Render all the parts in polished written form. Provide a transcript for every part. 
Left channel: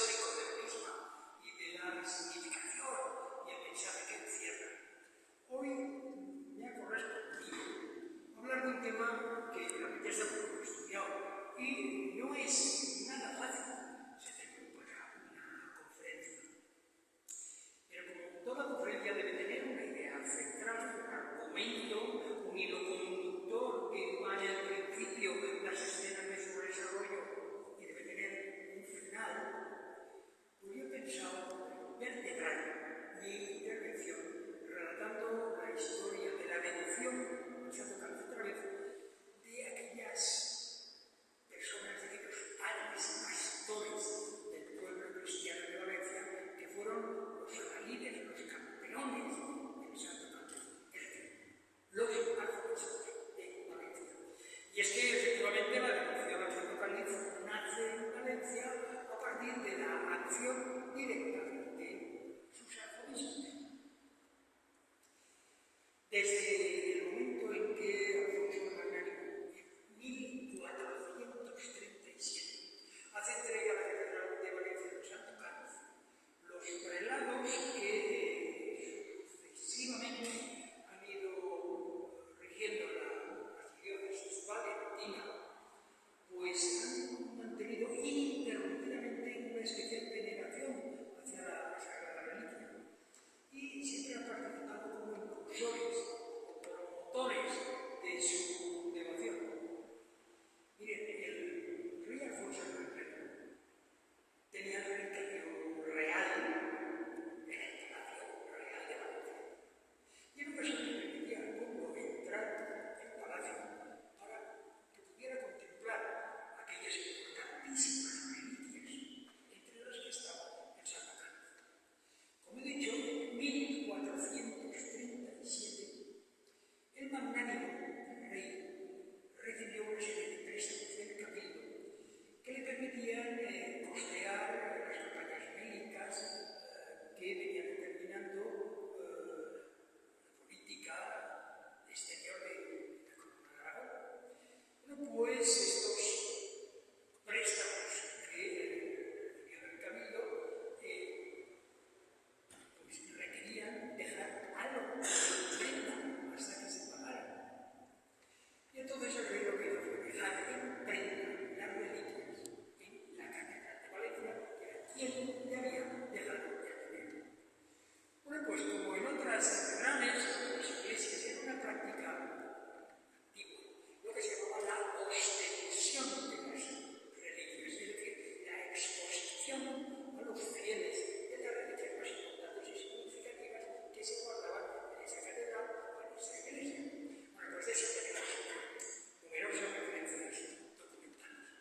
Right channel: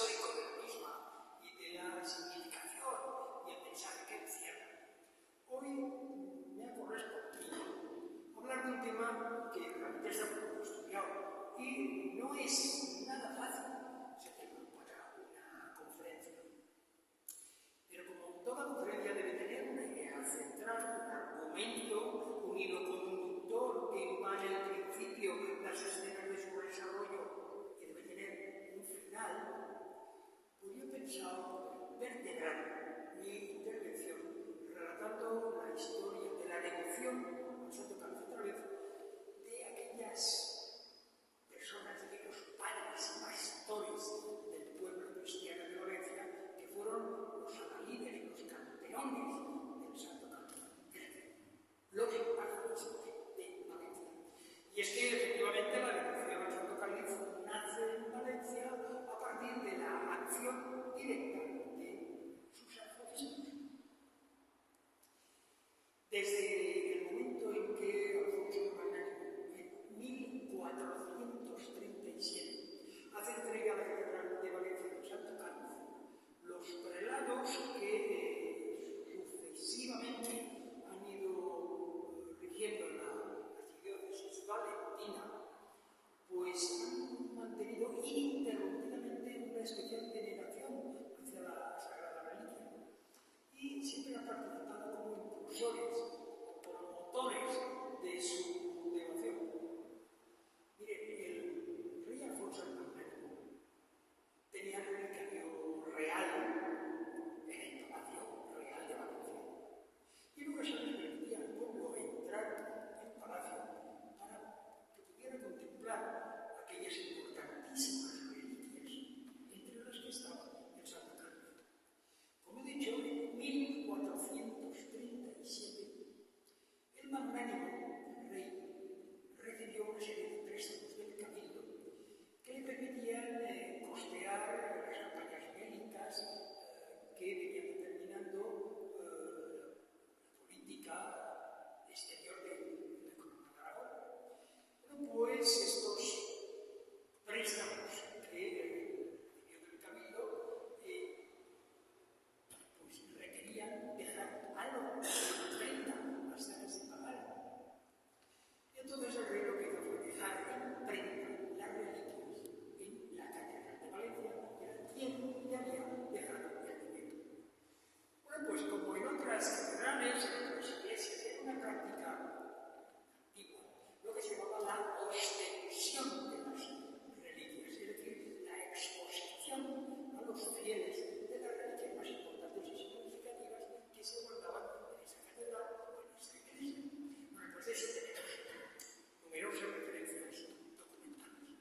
histórico de la misma y de la significación y el mensaje que encierra. Hoy me ha correspondido hablar de un tema que realmente está muy poco estudiado y no es nada fácil ese tema para una conferencia. Pero como toda conferencia debe tener una idea central, un argumento, un hilo conductor que va en el principio, las escenas de su desarrollo y debe tener un final, pues yo he pensado vertebrar mi intervención relatando la historia de la devoción, Santo Carlos otra vez, de aquellas personas, de aquellos padres y pastores del pueblo cristiano de Valencia que fueron los adalides, los campeones del Santo Carlos, es decir, los arzobispos de Valencia. Y es que efectivamente la devoción al Santo Cáliz nace en Valencia a partir de la acción directa de sus arzobispos. Desde el momento en que Alfonso el Magnánimo, en 1437, hace entrega a la Catedral de Valencia del Santo Cáliz, los prelados que sucesivamente han ido rigiendo la archidiócesis valentina, pues han mantenido ininterrumpidamente una especial veneración hacia la Sagrada Reliquia y siempre han participado como impulsores o promotores de su devoción. Miren, el rey Alfonso el Magnánimo tenía el relicario real en el Palacio Real de Valencia. Y en ocasiones permitía al pueblo entrar en el palacio para que pudiera contemplar aquellas importantísimas reliquias, entre las que estaba el Santo Cáliz. Como he dicho, en 1437, el Magnánimo, el rey, recibió una serie de préstamos del cabildo que le permitían costear las campañas bélicas que venían determinando la política exterior de la Corona de Aragón. Bueno, pues estos préstamos que recibió del cabildo pues requerían dejar algo de prenda hasta que se pagara. Y entonces el rey lo que hizo fue dejar en prenda las reliquias en la Catedral de Valencia, que era quien le había dejado el dinero. Bueno, pues como en otras catedrales, en otras iglesias, era una práctica antigua, lo que se llamaba la ostensión de las reliquias, es decir, la exposición a los fieles de las reliquias más importantes y significativas que se guardaban en esa catedral o en esa iglesia. Bueno, pues de eso tenemos numerosas referencias documentales.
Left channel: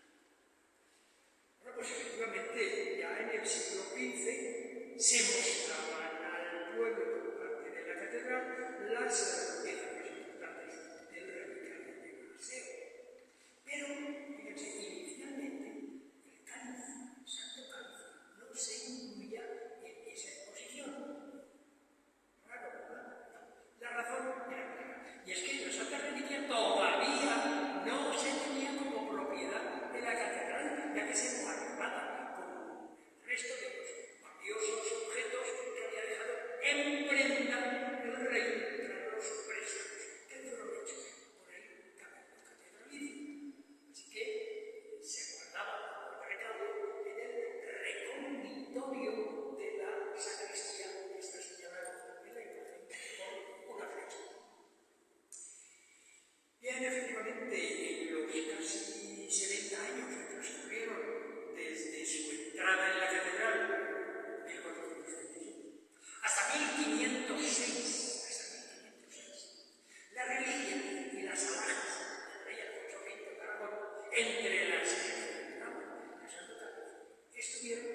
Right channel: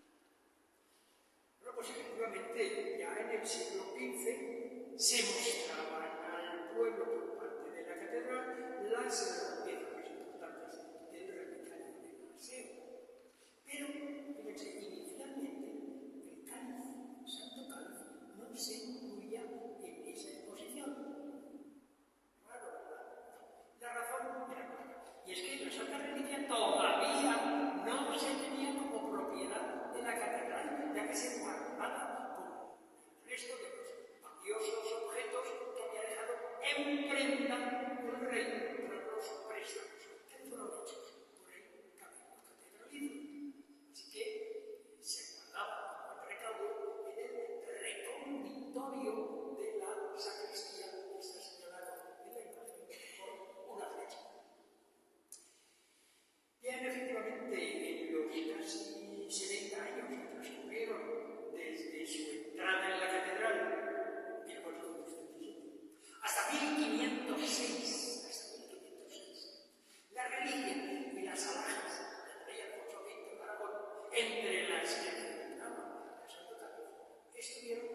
Bueno, pues efectivamente, ya en el siglo XV se mostraban al pueblo por parte de la catedral las piezas más importantes del relicario de Maseo. Pero, fíjense, inicialmente el cáliz, el Santo Cáliz, no se incluía en esa exposición. Claro, ¿verdad? No. La razón era clara. Y es que la Santa Reliquia todavía no se tenía como propiedad de la catedral, ya que se guardaba con el resto de los valiosos objetos que había dejado en prenda el rey tras los préstamos que fueron hechos por el cabildo catedralicio. Así que se guardaba como recaudo en el reconditorio de la sacristía, que está señalado en la imagen con una flecha. Bien, efectivamente, en los casi 70 años que transcurrieron desde su entrada en la catedral, en 1437, hasta 1506, la reliquia y las alhajas del rey Alfonso V de Aragón, entre las que se encontraban el Santo Cáliz, estuvieron